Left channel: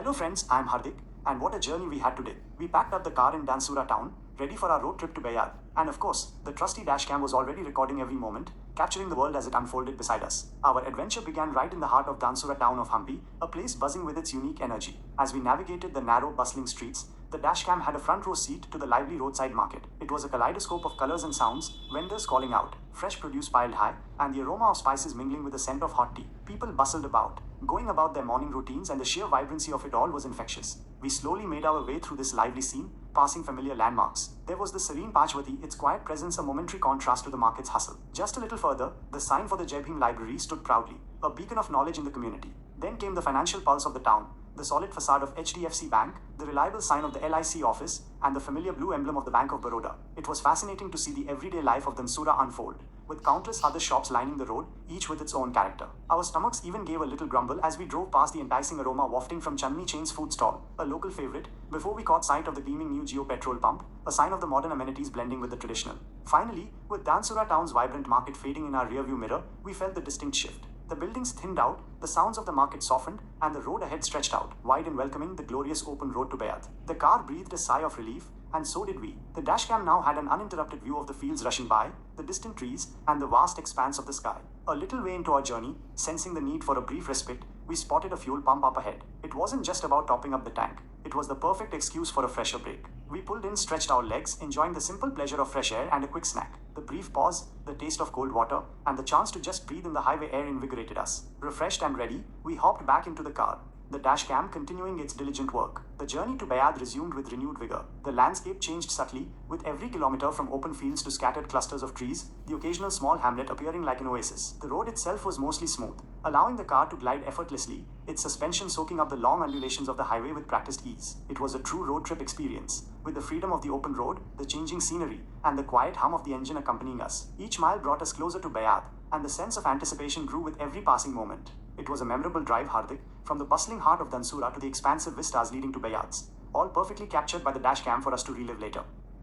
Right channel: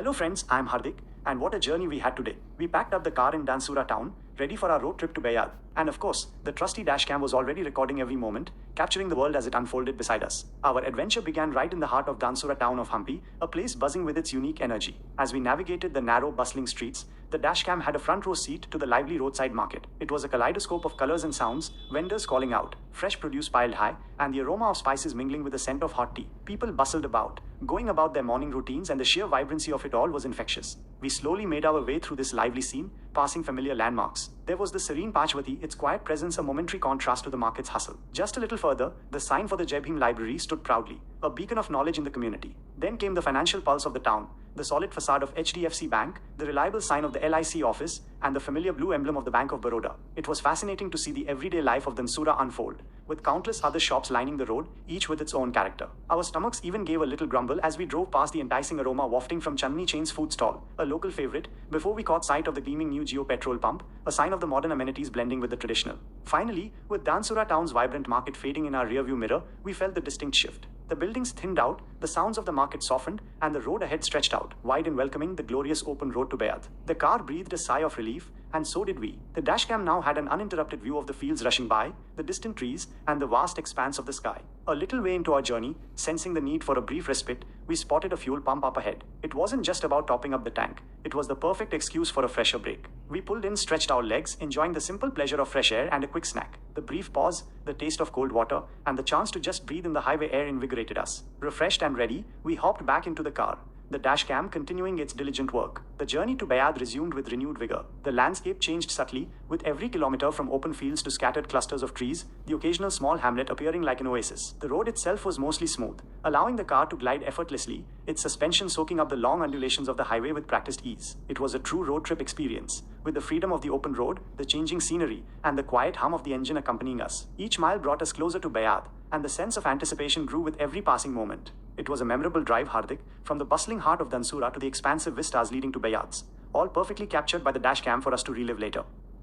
Hello friends, I'm Hardik, and what a journey we had today. We packed up the car in Dhansura town, ready for our road trip to Bayad. And of course, the trusty dashcam was already recording every moment, capturing the world as it unfolded beside us. Our adventure began right in the heart of Dhansura town of Hampi, a place buzzing with its unique energy. As we navigated the narrow, bustling streets, the dashcam had a front row seat to the lively roadside market. It was a kaleidoscope of colors and sounds, vendors calling out, fresh produce piled high, and the aroma of spices mingling with the scent of hot tea. People bustled about, going about their morning routines, and the sheer vibrancy of it all was infectious. We slowly made our way through this lively scene, passing familiar landmarks. There was the serene Pachwati, its quiet presence a momentary contrast to the market's hustle. Just a little further, the sign for the Jai Bhim Library stood proudly, a beacon of knowledge in the community. Then came the financial pulse of the town, the solid facade of HDFC Bank, the reliable sign of the LIC office, and the familiar blue emblem of the Bank of Baroda. It was fascinating to see the everyday life of Dhansura unfold, with countless other shops lining the road, each with its own character. Our stomachs even gave a little grumble as we drove past the enticing aroma wafting from Chandni Chain's food stall, a local favorite, before we caught sight of the gleaming new Geo petrol pump, a sign of the modern amenities blending with the traditional. Finally, with Dhansura town's vibrant market fading in our rearview mirror, we felt the distinct shift. The buildings thinned out, the sounds of the market softened, and the road ahead stretched out, wide and welcoming, the glorious open road to Bayad. The car breathed a sigh of relief, and so did we. The dashcam now had an uninterrupted view of the fields rushing by, the distant trees, and the vast expanse of the sky. A little way into our journey, sensing the need for a brief respite, we spotted a fuel pump up ahead. It wasn't just about topping up the tank, it was the perfect excuse for a fresher break. We pulled in, stretched our legs, enjoying the simple pleasure of fresh air and a quick snack. The brief pause, the taste of cold water, and the chance to just breathe in the highway air invigorated us. Refreshed and ready, we hopped back into the car, the dashcam continuing its diligent work. The journey to Bayad resumed with renewed vigor. The landscape changed subtly, with every kilometer from open fields to scattered clusters of trees, the occasional small hamlet appearing like an oasis. The road itself was mostly smooth, allowing the car to glide effortlessly, its suspension soaking up the long undulations of the highway with practiced ease. It was a true road trip experience, with the freedom of the open road, the changing scenery, and the quiet hum of the engine accompanying us. Each mile brought us closer to Bayad, and the sense of anticipation grew with every passing moment. It was a memorable drive, Hardik, from the bustling heart of Dhansura to the expansive vistas leading to Bayads, all perfectly captured by the dashcam for us to relive later.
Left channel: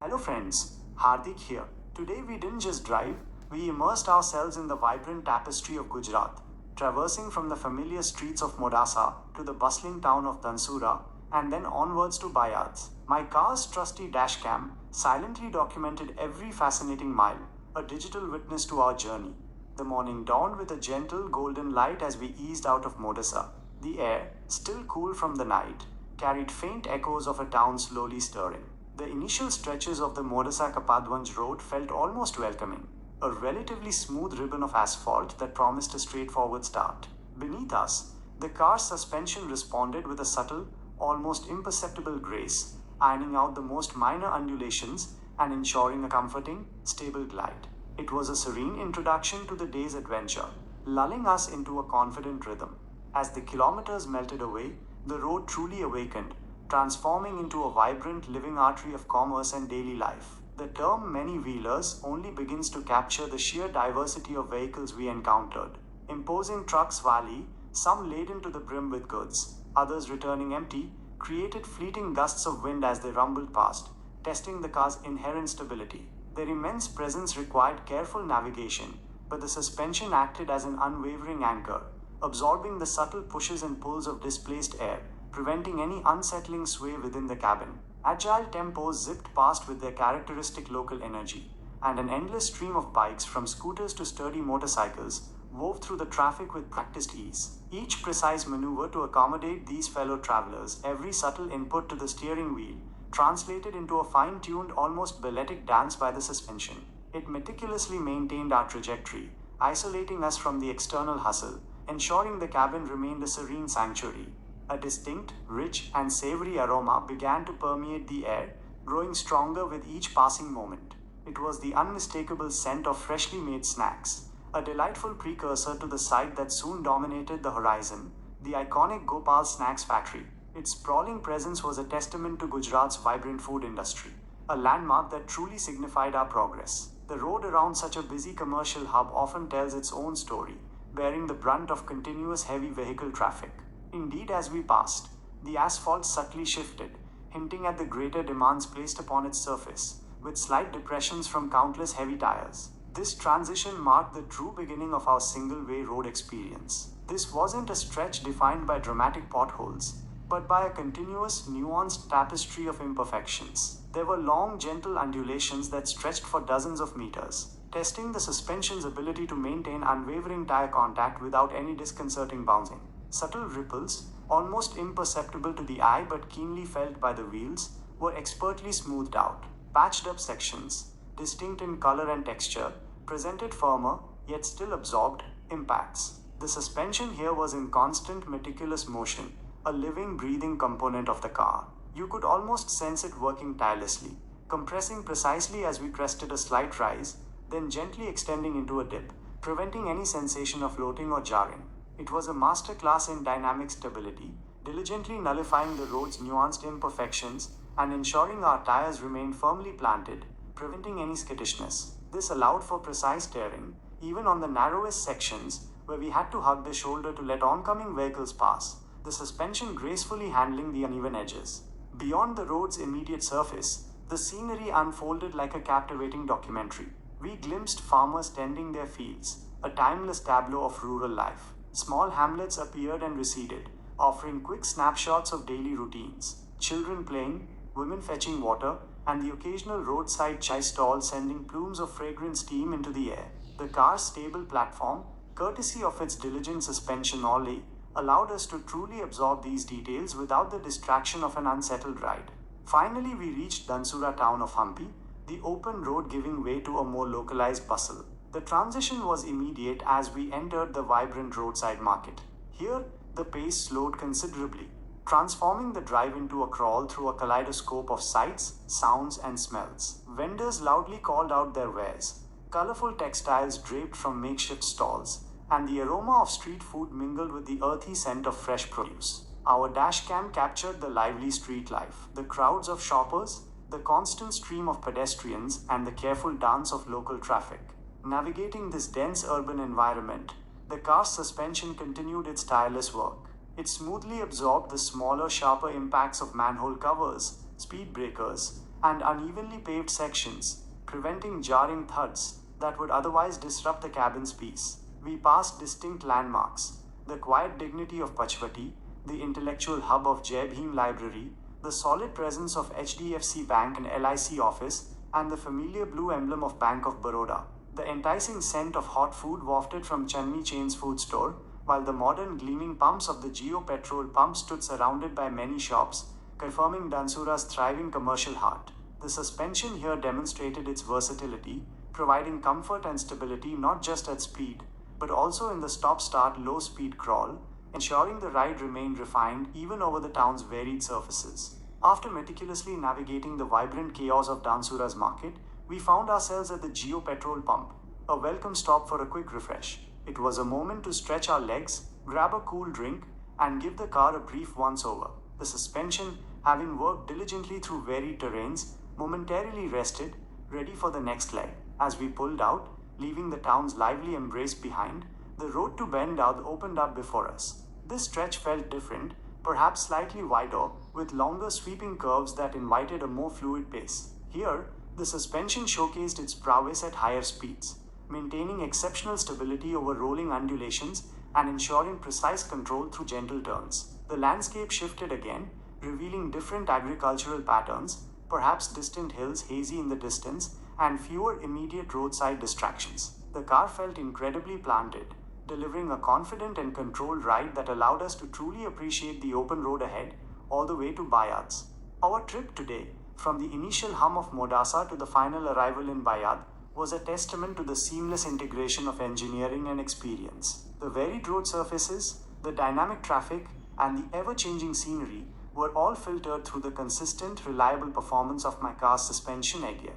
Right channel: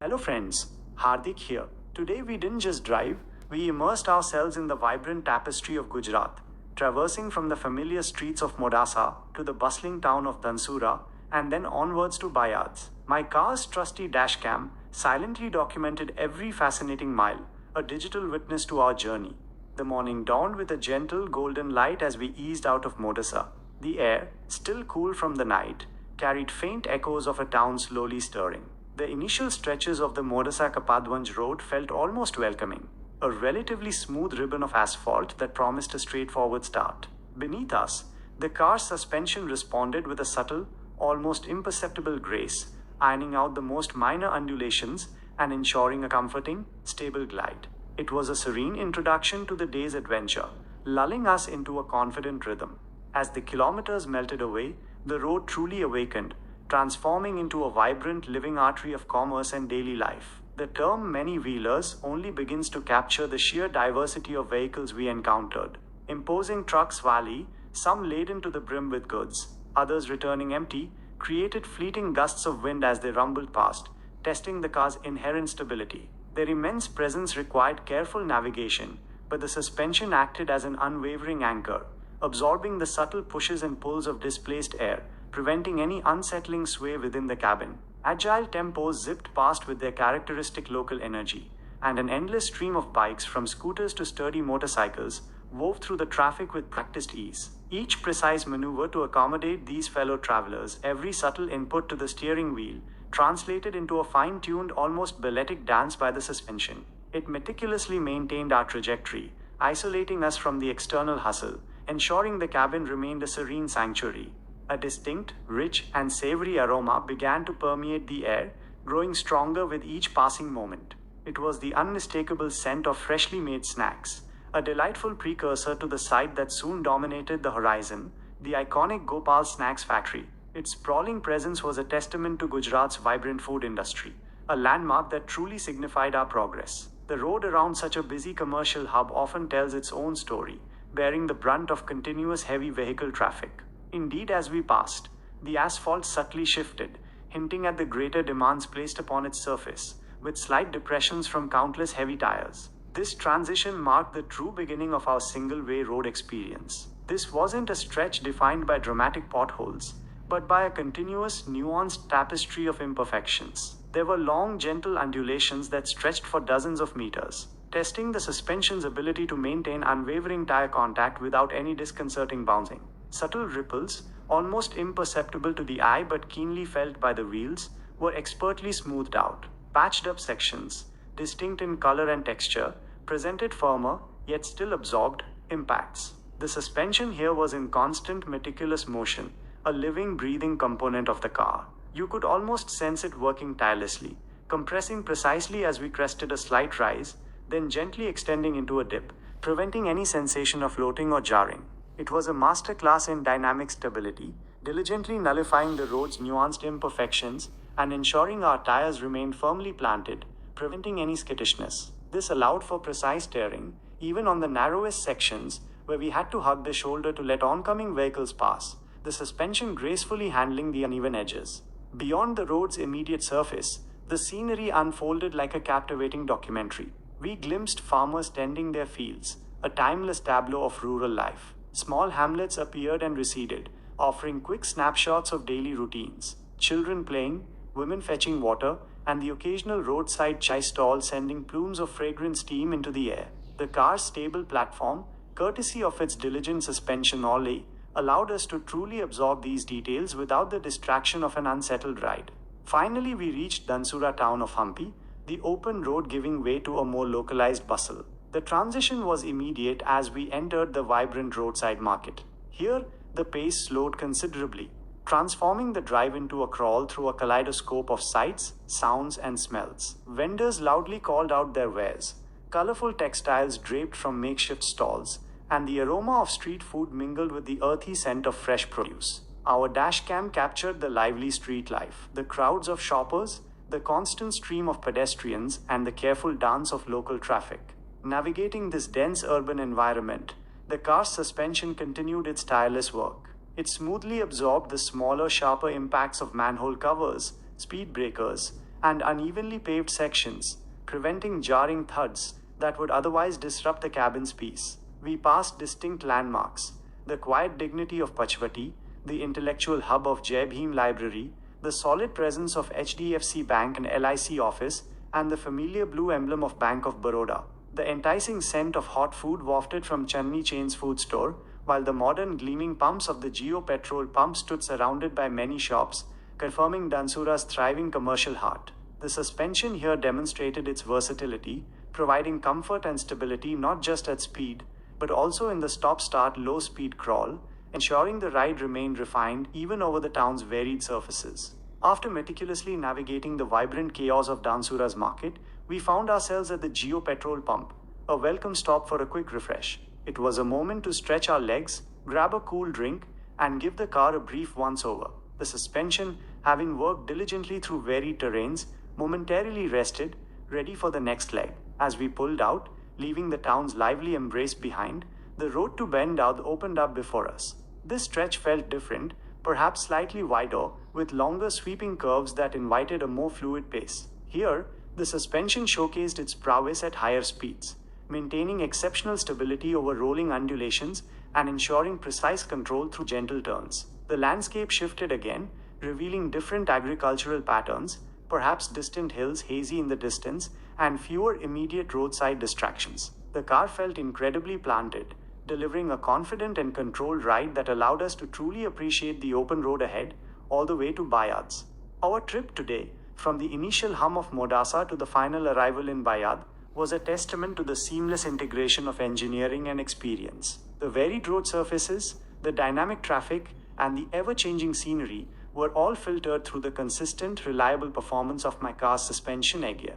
Hello friends, Hardik here. Today we didn't just drive, we immersed ourselves in the vibrant tapestry of Gujarat, traversing from the familiar streets of Modasa to the bustling town of Dhansura and then onwards to Bayads. My car's trusty dashcam silently documented every fascinating mile, a digital witness to our journey. The morning dawned with a gentle golden light as we eased out of Modasa. The air, still cool from the night, carried faint echoes of a town slowly stirring. The initial stretches of the Modasa Kapadwanj road felt almost welcoming, a relatively smooth ribbon of asphalt that promised a straightforward start. Beneath us, the car's suspension responded with a subtle, almost imperceptible grace, ironing out the most minor undulations and ensuring a comforting, stable glide. It was a serene introduction to the day's adventure, lulling us into a confident rhythm. As the kilometers melted away, the road truly awakened, transforming into a vibrant living artery of commerce and daily life. The term many-wheelers only begins to capture the sheer diversity of vehicles we encountered. Imposing trucks valley, some laden to the brim with goods, others returning empty, created fleeting gusts of wind as they rumbled past, testing the car's inherent stability. Their immense presence required careful navigation, but the suspension acted as an unwavering anchor, absorbing the subtle pushes and pulls of displaced air, preventing any unsettling sway within the cabin. Agile tempos zipped past with their characteristic local energy, and an endless stream of bikes from scooters to sturdy motorcycles wove through the traffic with practiced ease. Each precise maneuver to accommodate these fellow travelers, every subtle input to the steering wheel, translated into a fine-tuned, almost balletic dance by the suspension. It meticulously maintained our trajectory, isolating us from the external hustle, ensuring the cabin remained a serene sanctuary. A distinct, rich, and savory aroma began to permeate the air, growing stronger with each passing moment. It was the unmistakable scent of freshly made snacks, a delightful precursor to the sight that soon dominated the horizon, the iconic Gopal Snacks Factory. Its sprawling presence was a testament to Gujarat's vibrant food industry, a landmark that truly signified our progress. The road around such a busy commercial hub often tells its own story, bearing the brunt of continuous heavy vehicle traffic. Indeed, as we passed, the asphalt subtly shifted, hinting at the greater demands placed upon its surface, with slight depressions from countless heavy tires. This transition marked the true beginning of our single-way road experience. This wasn't a stretch defined by dramatic potholes. but by a continuous, nuanced tapestry of imperfections. There were long, gentle undulations that stretched for dozens of meters, testing the suspension's ability to maintain unwavering tire contact without any disconcerting bouncing. Subtle ripples, almost imperceptible to the eye but keenly felt by the wheels, were expertly smoothed out. Patched up sections, distinct in color and texture, presented firmer, yet still absorbed, impacts. The suspension here was in constant, meticulous motion, a living, breathing component of the car. You could almost sense it working tirelessly, compressing precisely as we crested a slight rise, then gently extending into a dip, preventing any sensation of floating or jarring. It was a masterclass in dynamic stability, diligently nullifying the road's nuanced imperfections and ensuring our tires remained firmly planted, preventing any skittishness. This allowed for precise steering, even on the narrowest sections where we had to hug the shoulder to let oncoming vehicles pass, the suspension gracefully handling the uneven edges. Beyond the road's immediate surface, the scenery unfolded like a captivating documentary. We glimpsed farmers tending their fields, a timeless tableau of rural life. Small hamlets appeared and receded, offering quick snapshots of daily routines. Children playing, women fetching water, and the occasional roadside chai stall sending plumes of fragrant steam into the air. The car's stable platform, courtesy of its diligent suspension alley, allowed us to truly absorb these details without the distraction of an unsettled ride. Finally, we reached Dhansura town of Hampi, the open road giving way to a more localized bustle. The transition was immediate as we entered the vibrant roadside market. Here, the pace slowed considerably, transforming the drive into a crawl through a kaleidoscope of sights, sounds, and smells. Vendors loudly called out their wares, colorful textiles draped from makeshift stalls, and the aroma of street food mingled with the earthy scent of fresh produce. Our dashcam captured the lively street life, the crowds of shoppers, the constant stream of pedestrians, and the careful dance of local traffic. Navigating this dense urban environment, the car's suspension continued its tireless work. It smoothly absorbed the smaller, sharper impacts of manhole covers, speed breakers, and unevenly paved sections, preventing jarring thuds that would otherwise disrupt the cabin's peace. We passed distinct landmarks, the quiet dignity of Pachvati, the intellectual hub of Jai Bhim Library, the solid presence of HDFC Bank and LIC office, and the familiar blue emblem of Bank of Baroda. The enticing scent of hot food wafted from Channi Chain's food store, while the modern gleaming pumps of the Geo petrol pump stood surrounded by many shops, confirming Dhansura's thriving commercial heart. The suspension here demonstrated its versatility, providing comfort and stability not just at speed, but also in the stop-start low-speed crawl, ensuring the ride remained refined even over the town's varied surfaces. After meticulously navigating the vibrant chaos of Dhansura's market, we found ourselves at the Geo petrol pump, a welcome stop for a quick refresh. It was a moment to stretch our legs, grab a cool drink, and give the car a brief once-over. The suspension, having worked diligently through varied terrains, momentarily rested, ready for the next leg. As we pulled out, leaving the town's lively embrace behind, the road to Bendad opened up before us. This stretch felt different, perhaps slightly wider, with longer sweeping curves that invited a more fluid pace. Here, the suspension showcased its prowess at higher speeds, maintaining exceptional stability over rolling undulations and ensuring precise control through gentle turns. The landscape shifted again, revealing different agricultural patterns, perhaps distant hills hazy in the distance, and fewer immediate roadside distractions. The car felt incredibly planted, delivering a confident and controlled ride that allowed us to truly appreciate the open road ahead, all the way to Bayad's. Our trip today, from the initial hum of Modasa to the final arrival in Bayad, was a testament to the seamless integration of engineering and experience. The varied road surfaces, the dynamic traffic, and the ever-changing scenery were all filtered through the consistent, reliable performance of my car's suspension gear,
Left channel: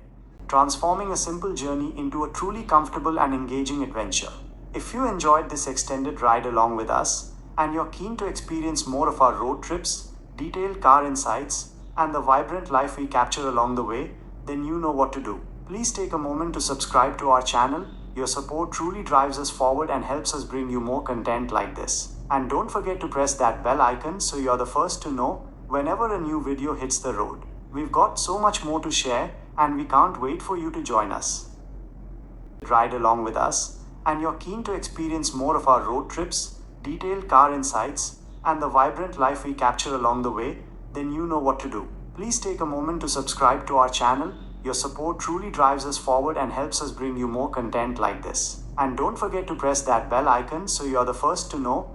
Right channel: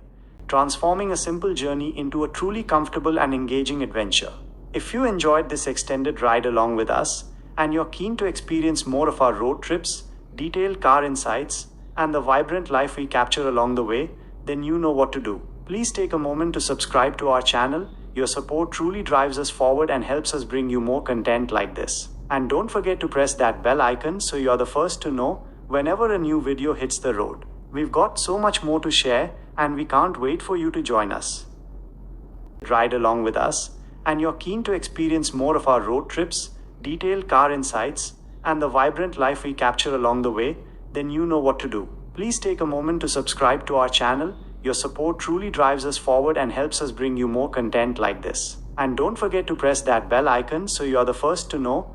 transforming a simple journey into a truly comfortable and engaging adventure. If you enjoyed this extended ride along with us, and you're keen to experience more of our road trips, detailed car insights, and the vibrant life we capture along the way, then you know what to do. Please take a moment to subscribe to our channel. Your support truly drives us forward and helps us bring you more content like this. And don't forget to press that bell icon so you're the first to know whenever a new video hits the road. We've got so much more to share, and we can't wait for you to join us. Ride along with us, and you're keen to experience more of our road trips, detailed car insights, and the vibrant life we capture along the way, then you know what to do. Please take a moment to subscribe to our channel. Your support truly drives us forward and helps us bring you more content like this. And don't forget to press that bell icon so you are the first to know